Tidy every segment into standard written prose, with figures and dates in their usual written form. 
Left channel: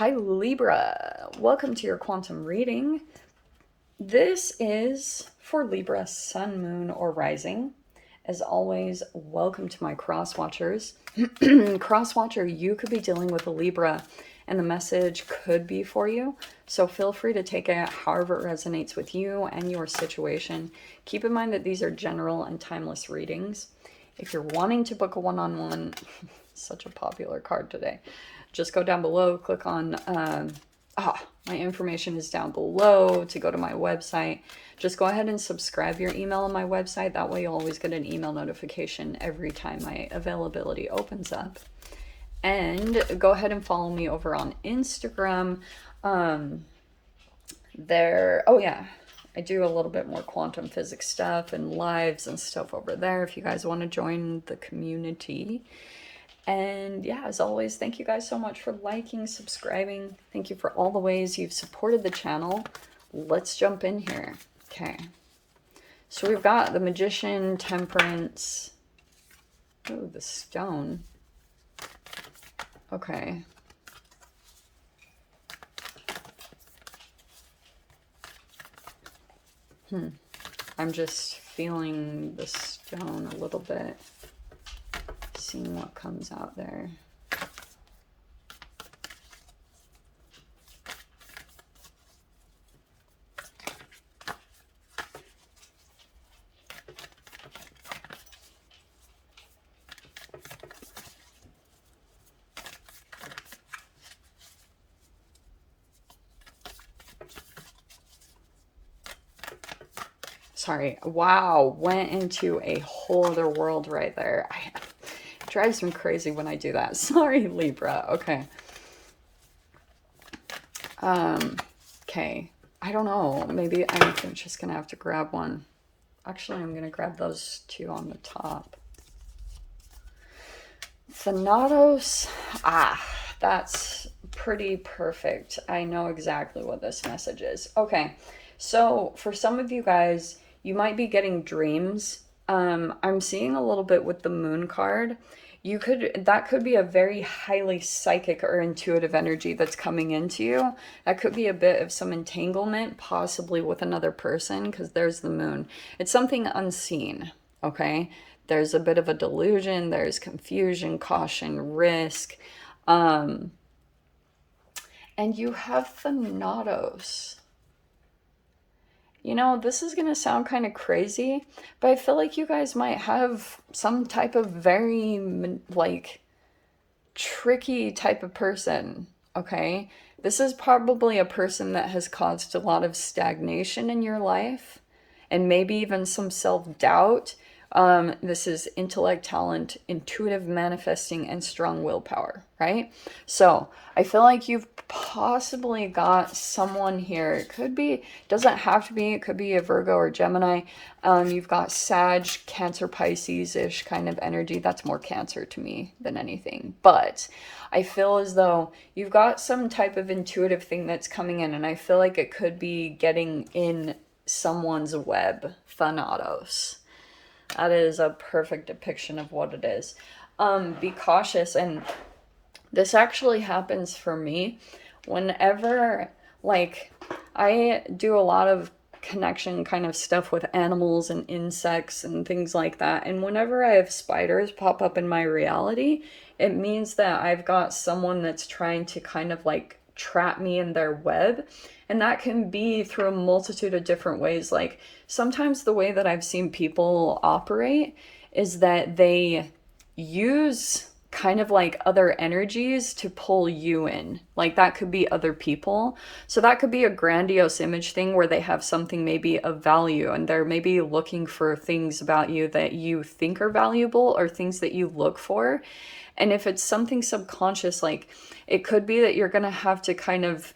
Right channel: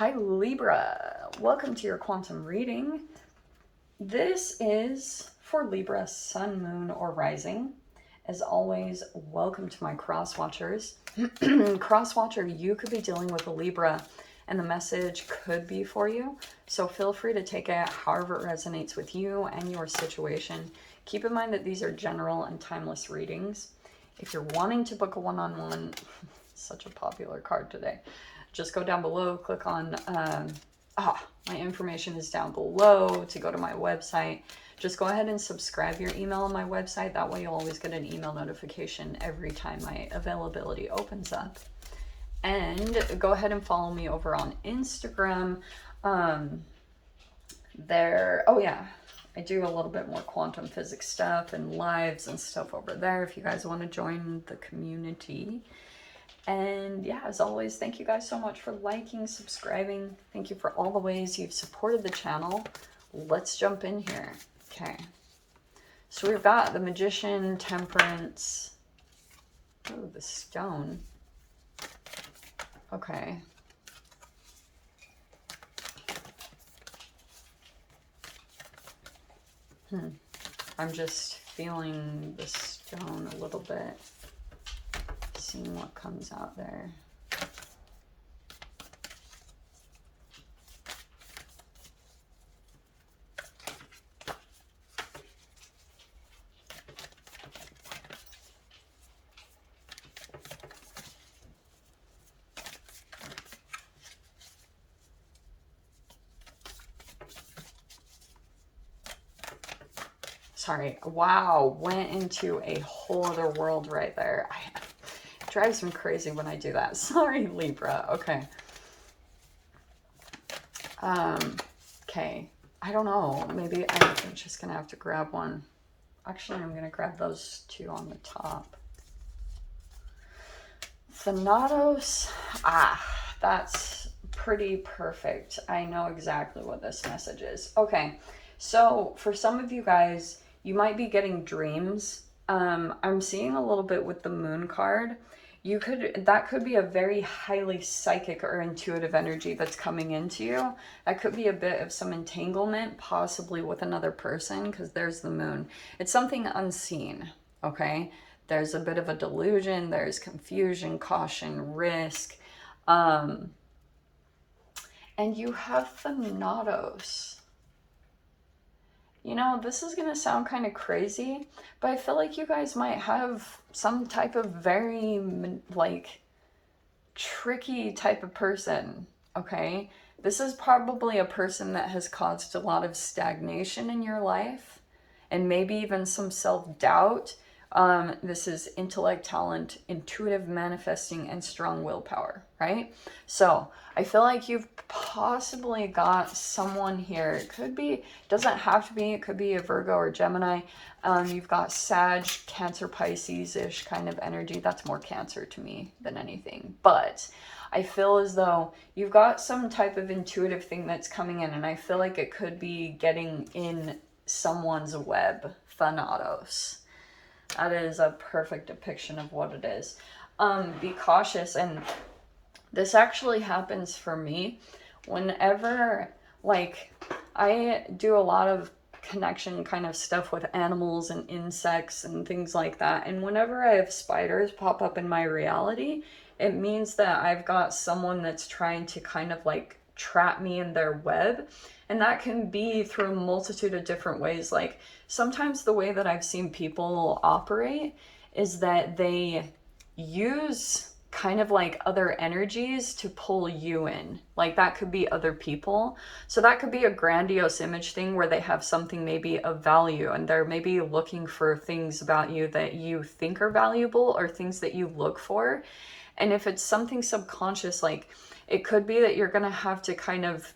Hi Libra, welcome to your quantum reading. This is for Libra, Sun, Moon, or Rising. As always, welcome to my cross watchers. Cross watcher, you could be dealing with a Libra and the message could be for you. So feel free to take it however it resonates with you and your situation. Keep in mind that these are general and timeless readings. If you're wanting to book a one-on-one, such a popular card today, just go down below, click on, my information is down below to go to my website. Just go ahead and subscribe your email on my website. That way you'll always get an email notification every time my availability opens up. And go ahead and follow me over on Instagram. Oh yeah, I do a little bit more quantum physics stuff and lives and stuff over there if you guys want to join the community. And yeah, as always, thank you guys so much for liking, subscribing. Thank you for all the ways you've supported the channel. Let's jump in here. Okay. So we've got the Magician, Temperance. Ooh, the Stone. Okay. I'm just feeling the Stone a little bit. Seeing what comes out there. Sorry, wow, went into a whole other world right there. It drives me crazy when I do that. Sorry, Libra. Okay. Okay. I don't know. Maybe I'm just gonna have to grab one. Actually, I'm gonna grab those two on the top. Thanatos. That's pretty perfect. I know exactly what this message is. Okay. So for some of you guys, you might be getting dreams. I'm seeing a little bit with the Moon card. That could be a very highly psychic or intuitive energy that's coming into you. That could be a bit of some entanglement, possibly with another person, because there's the Moon. It's something unseen, okay? There's a bit of a delusion, there's confusion, caution, risk. And you have Thanatos. You know, this is going to sound kind of crazy, but I feel like you guys might have some type of very, like, tricky type of person, okay? This is probably a person that has caused a lot of stagnation in your life and maybe even some self-doubt. This is intellect, talent, intuitive manifesting, and strong willpower, right? So I feel like you've possibly got someone here. It could be, doesn't have to be, it could be a Virgo or Gemini. You've got Sag, Cancer, Pisces-ish kind of energy. That's more Cancer to me than anything. But I feel as though you've got some type of intuitive thing that's coming in, and I feel like it could be getting in someone's web. Thanatos. That is a perfect depiction of what it is. Be cautious. And this actually happens for me whenever, like, I do a lot of connection kind of stuff with animals and insects and things like that. And whenever I have spiders pop up in my reality, it means that I've got someone that's trying to kind of like trap me in their web. And that can be through a multitude of different ways. Like, sometimes the way that I've seen people operate is that they use kind of like other energies to pull you in. Like, that could be other people. So that could be a grandiose image thing where they have something maybe of value and they're maybe looking for things about you that you think are valuable or things that you look for. And if it's something subconscious, like, it could be that you're going to have to kind of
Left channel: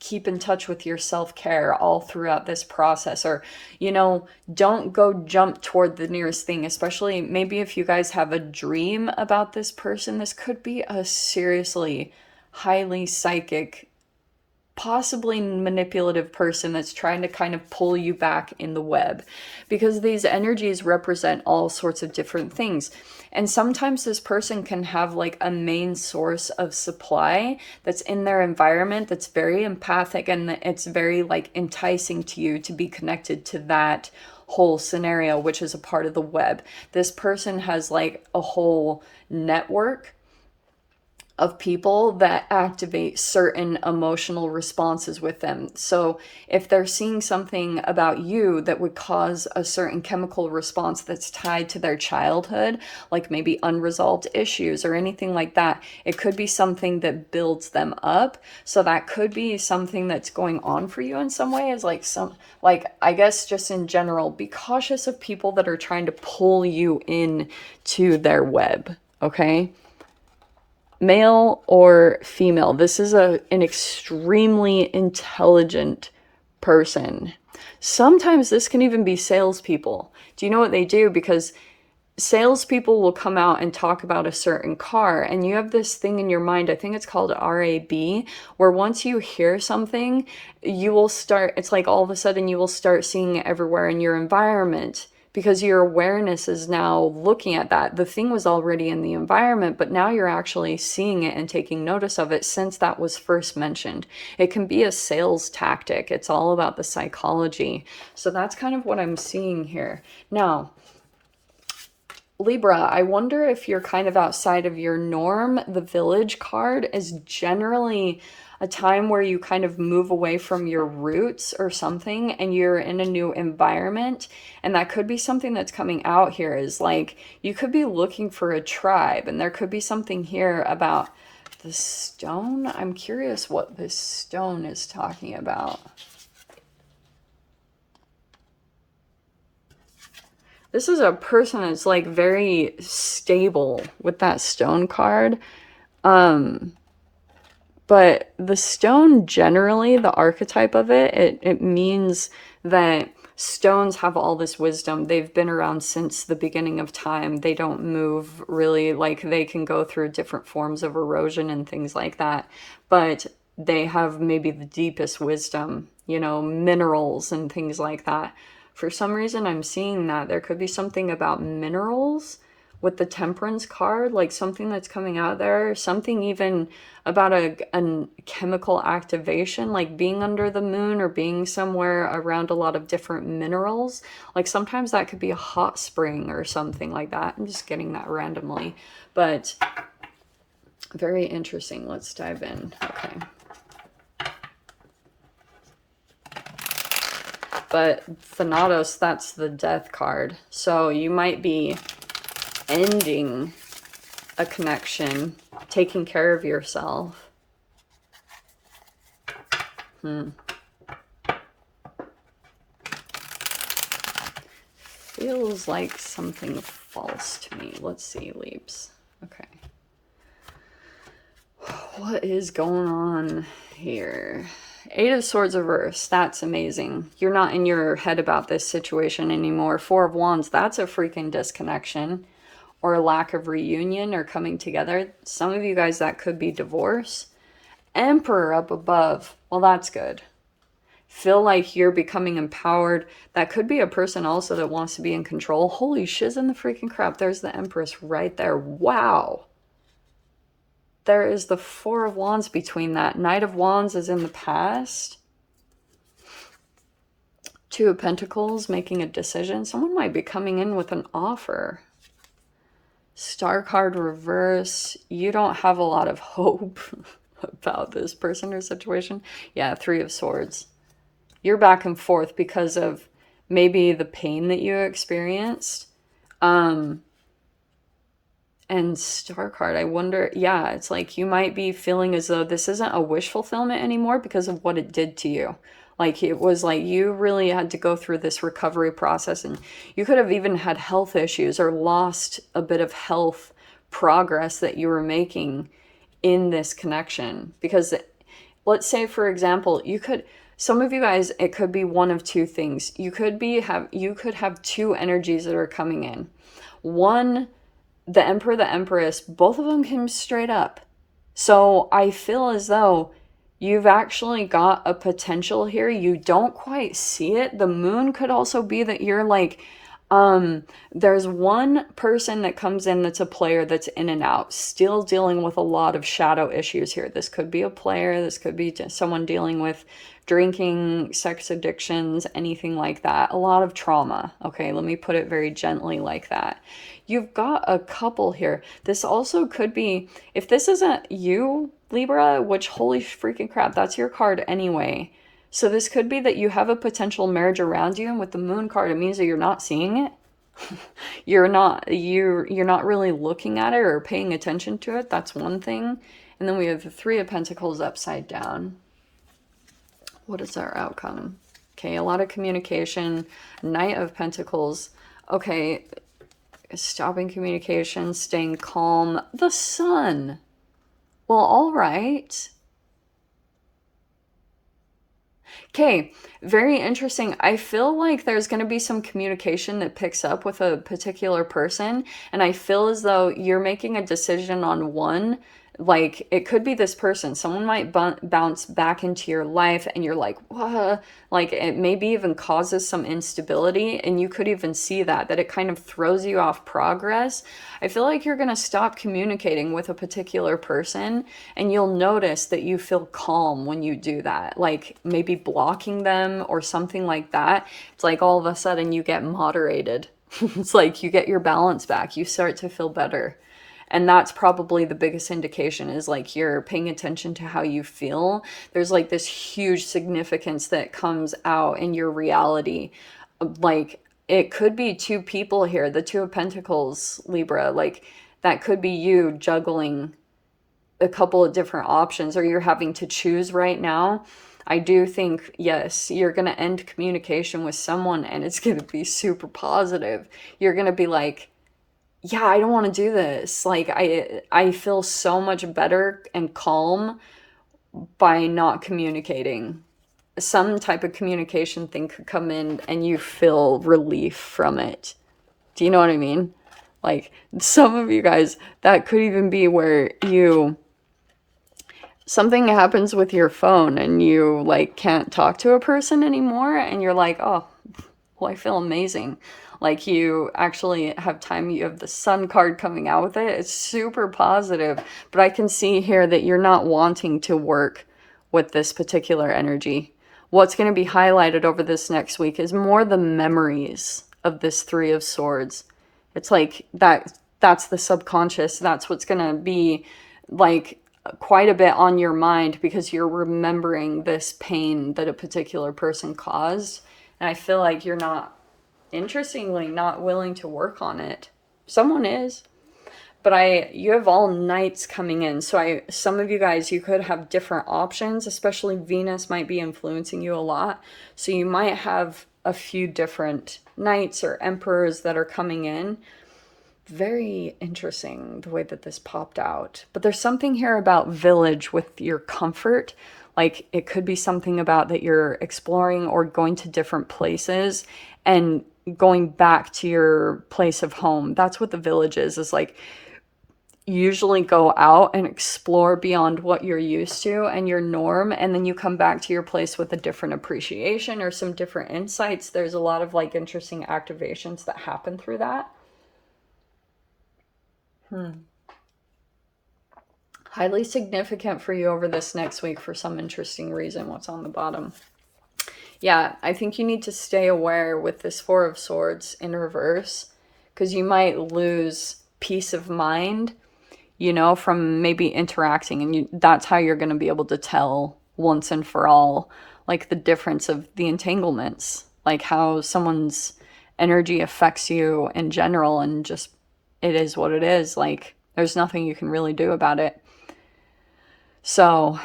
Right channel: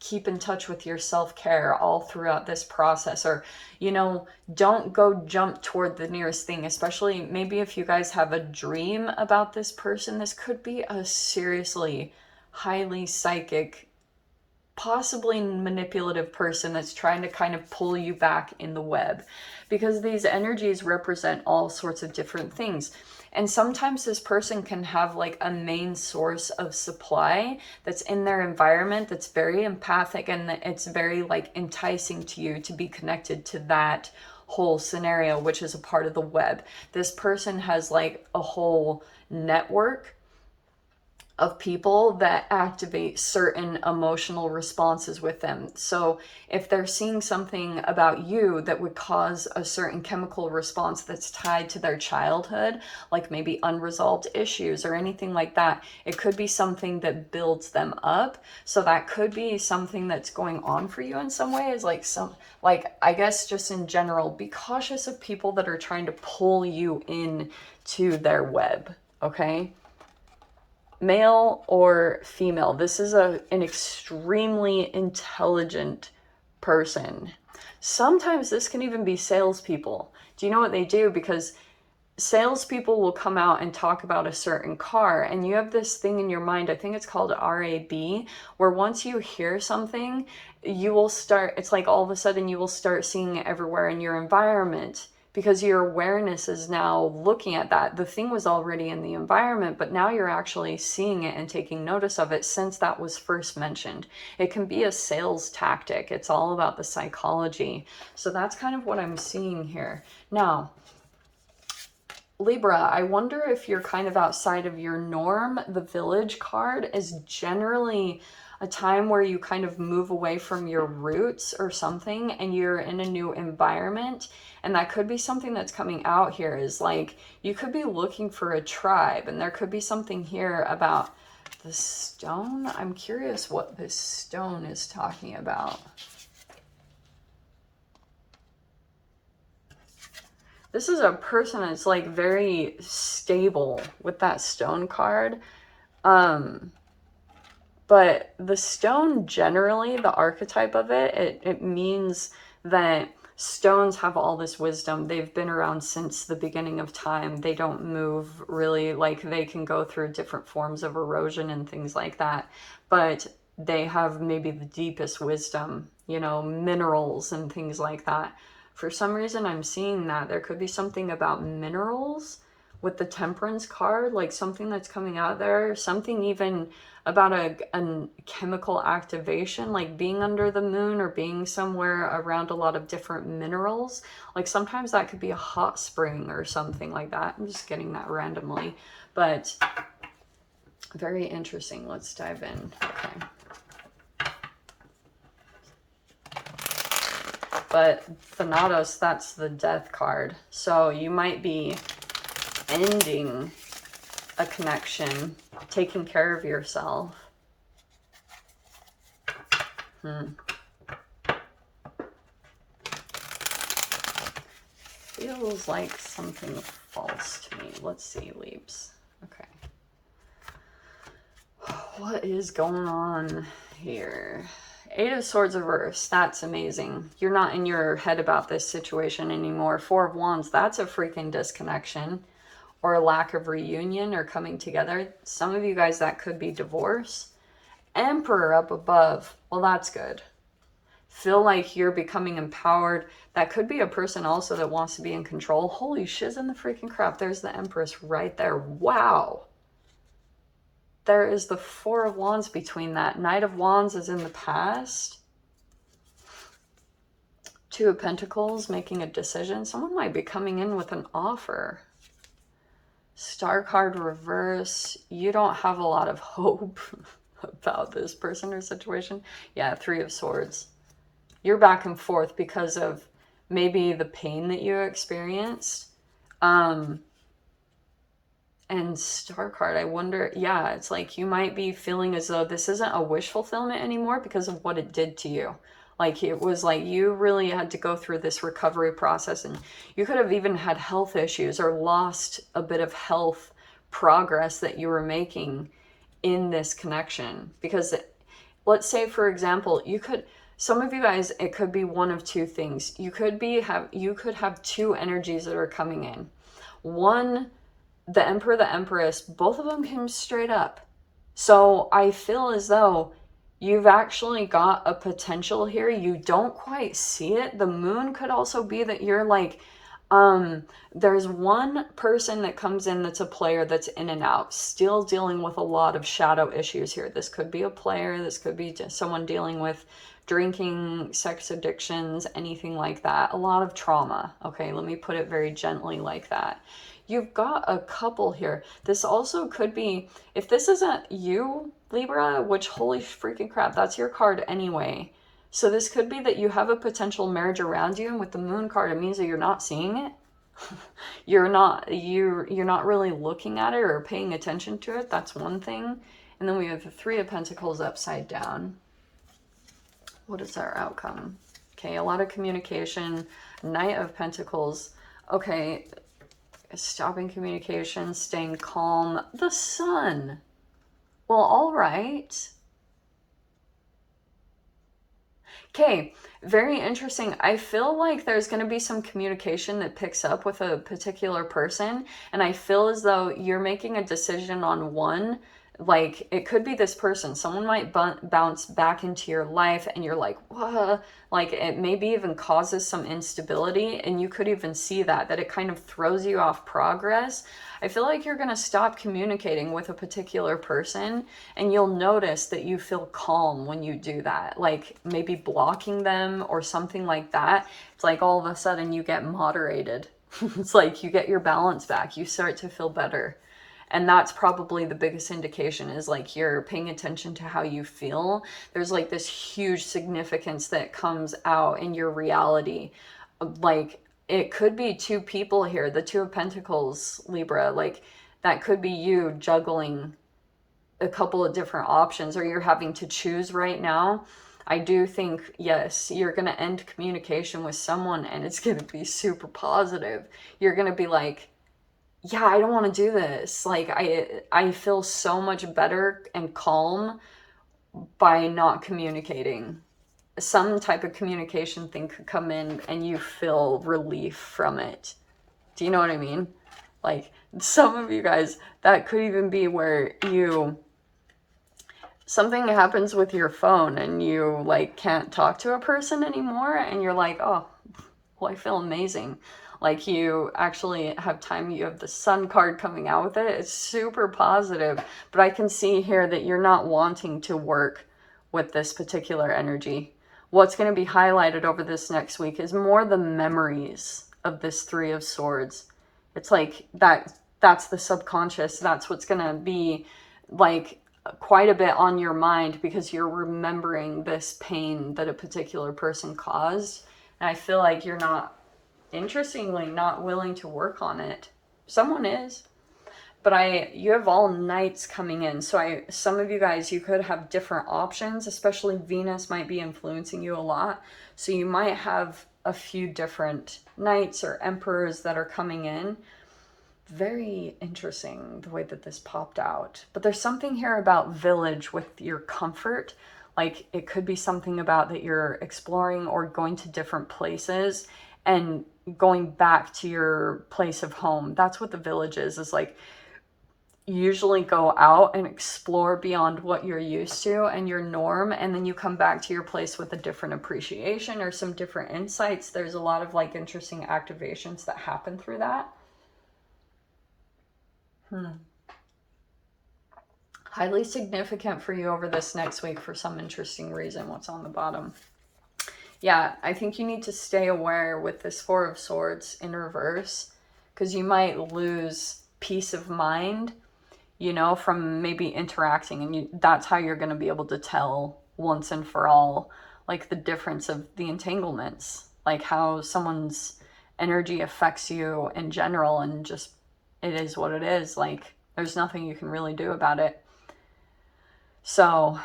keep in touch with your self-care all throughout this process, or, you know, don't go jump toward the nearest thing, especially maybe if you guys have a dream about this person. This could be a seriously highly psychic, possibly manipulative person that's trying to kind of pull you back in the web, because these energies represent all sorts of different things. And sometimes this person can have like a main source of supply that's in their environment that's very empathic, and it's very like enticing to you to be connected to that whole scenario, which is a part of the web. This person has like a whole network of people that activate certain emotional responses with them. So if they're seeing something about you that would cause a certain chemical response that's tied to their childhood, like maybe unresolved issues or anything like that, it could be something that builds them up. So that could be something that's going on for you in some way, is like some, like, I guess just in general, be cautious of people that are trying to pull you in to their web, okay? Male or female, this is an extremely intelligent person. Sometimes this can even be salespeople. Do you know what they do? Because salespeople will come out and talk about a certain car, and you have this thing in your mind, I think it's called RAB, where once you hear something, you will start, it's like all of a sudden you will start seeing it everywhere in your environment, because your awareness is now looking at that. The thing was already in the environment, but now you're actually seeing it and taking notice of it since that was first mentioned. It can be a sales tactic. It's all about the psychology. So that's kind of what I'm seeing here. Now, Libra, I wonder if you're kind of outside of your norm. The Village card is generally a time where you kind of move away from your roots or something, and you're in a new environment. And that could be something that's coming out here, is like you could be looking for a tribe, and there could be something here about the stone. I'm curious what this stone is talking about. This is a person that's like very stable with that stone card. But the stone generally, the archetype of it means that stones have all this wisdom. They've been around since the beginning of time. They don't move really, like they can go through different forms of erosion and things like that. But they have maybe the deepest wisdom, you know, minerals and things like that. For some reason, I'm seeing that there could be something about minerals with the Temperance card, like something that's coming out there, something even about a chemical activation, like being under the moon or being somewhere around a lot of different minerals. Like sometimes that could be a hot spring or something like that. I'm just getting that randomly, but very interesting. Let's dive in. Okay. But Thanatos, that's the Death card. So you might be ending a connection, taking care of yourself. Feels like something false to me. Let's see, Leaps. Okay. What is going on here? Eight of Swords reverse. That's amazing. You're not in your head about this situation anymore. Four of Wands. That's a freaking disconnection or lack of reunion or coming together. Some of you guys, that could be divorce. Emperor up above. Well, that's good. Feel like you're becoming empowered. That could be a person also that wants to be in control. Holy shiz in the freaking crap. There's the Empress right there. Wow. There is the Four of Wands between that. Knight of Wands is in the past. Two of Pentacles, making a decision. Someone might be coming in with an offer. Star card reverse. You don't have a lot of hope about this person or situation. Yeah, Three of Swords. You're back and forth because of maybe the pain that you experienced. And Star card, I wonder, yeah, it's like you might be feeling as though this isn't a wish fulfillment anymore because of what it did to you. Like it was like you really had to go through this recovery process, and you could have even had health issues or lost a bit of health progress that you were making in this connection. Because let's say, for example, you could, some of you guys, it could be one of two things. You could have two energies that are coming in. One, the Emperor, the Empress, both of them came straight up. So I feel as though you've actually got a potential here. You don't quite see it. The Moon could also be that you're like There's one person that comes in that's a player that's in and out, still dealing with a lot of shadow issues here. This could be a player, this could be someone dealing with drinking, sex addictions, anything like that. A lot of trauma. Okay, let me put it very gently like that. You've got a couple here. This also could be, if this isn't you, Libra, which holy freaking crap, that's your card anyway. So this could be that you have a potential marriage around you, and with the moon card, it means that you're not seeing it. You're not really looking at it or paying attention to it. That's one thing. And then we have the Three of Pentacles upside down. What is our outcome? Okay, a lot of communication. Knight of Pentacles. Okay, stopping communication, staying calm. The Sun. Well, all right. Okay, very interesting. I feel like there's going to be some communication that picks up with a particular person, and I feel as though you're making a decision on one. Like, it could be this person. Someone might bounce back into your life, and you're like, what? Like, it maybe even causes some instability, and you could even see that it kind of throws you off progress. I feel like you're going to stop communicating with a particular person, and you'll notice that you feel calm when you do that. Like, maybe blocking them or something like that. It's like all of a sudden you get moderated. It's like you get your balance back. You start to feel better. And that's probably the biggest indication, is like you're paying attention to how you feel. There's like this huge significance that comes out in your reality. Like, it could be two people here, the Two of Pentacles, Libra. Like, that could be you juggling a couple of different options, or you're having to choose right now. I do think, yes, you're going to end communication with someone, and it's going to be super positive. You're going to be like, yeah, I don't want to do this. Like, I feel so much better and calm by not communicating. Some type of communication thing could come in and you feel relief from it. Do you know what I mean? Like, some of you guys, that could even be where something happens with your phone and you like can't talk to a person anymore, and you're like, oh, well, I feel amazing. Like, you actually have time. You have the Sun card coming out with it. It's super positive. But I can see here that you're not wanting to work with this particular energy. What's going to be highlighted over this next week is more the memories of this Three of Swords. It's like that's the subconscious. That's what's going to be like quite a bit on your mind, because you're remembering this pain that a particular person caused. And I feel like you're not, interestingly, not willing to work on it. Someone is. But you have all Knights coming in. So some of you guys, you could have different options, especially Venus might be influencing you a lot. So you might have a few different Knights or Emperors that are coming in. Very interesting the way that this popped out. But there's something here about village with your comfort. Like, it could be something about that you're exploring or going to different places and going back to your place of home. That's what the village is like, usually go out and explore beyond what you're used to and your norm, and then you come back to your place with a different appreciation or some different insights. There's a lot of like interesting activations that happen through that. Highly significant for you over this next week for some interesting reason. What's on the bottom? Yeah, I think you need to stay aware with this Four of Swords in reverse, because you might lose peace of mind, you know, from maybe interacting, and that's how you're going to be able to tell once and for all, like, the difference of the entanglements, like how someone's energy affects you in general, and just, it is what it is. Like, there's nothing you can really do about it. So,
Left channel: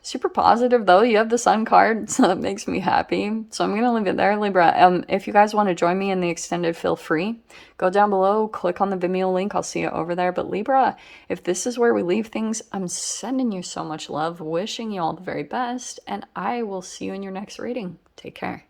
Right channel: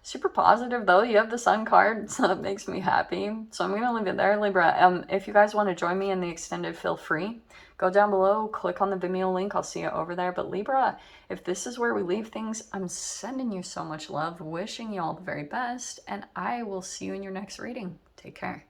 super positive though. You have the Sun card, so that makes me happy. So I'm gonna leave it there, Libra. If you guys want to join me in the extended, feel free. Go down below, click on the Vimeo link. I'll see you over there. But Libra, if this is where we leave things, I'm sending you so much love, wishing you all the very best, and I will see you in your next reading. Take care.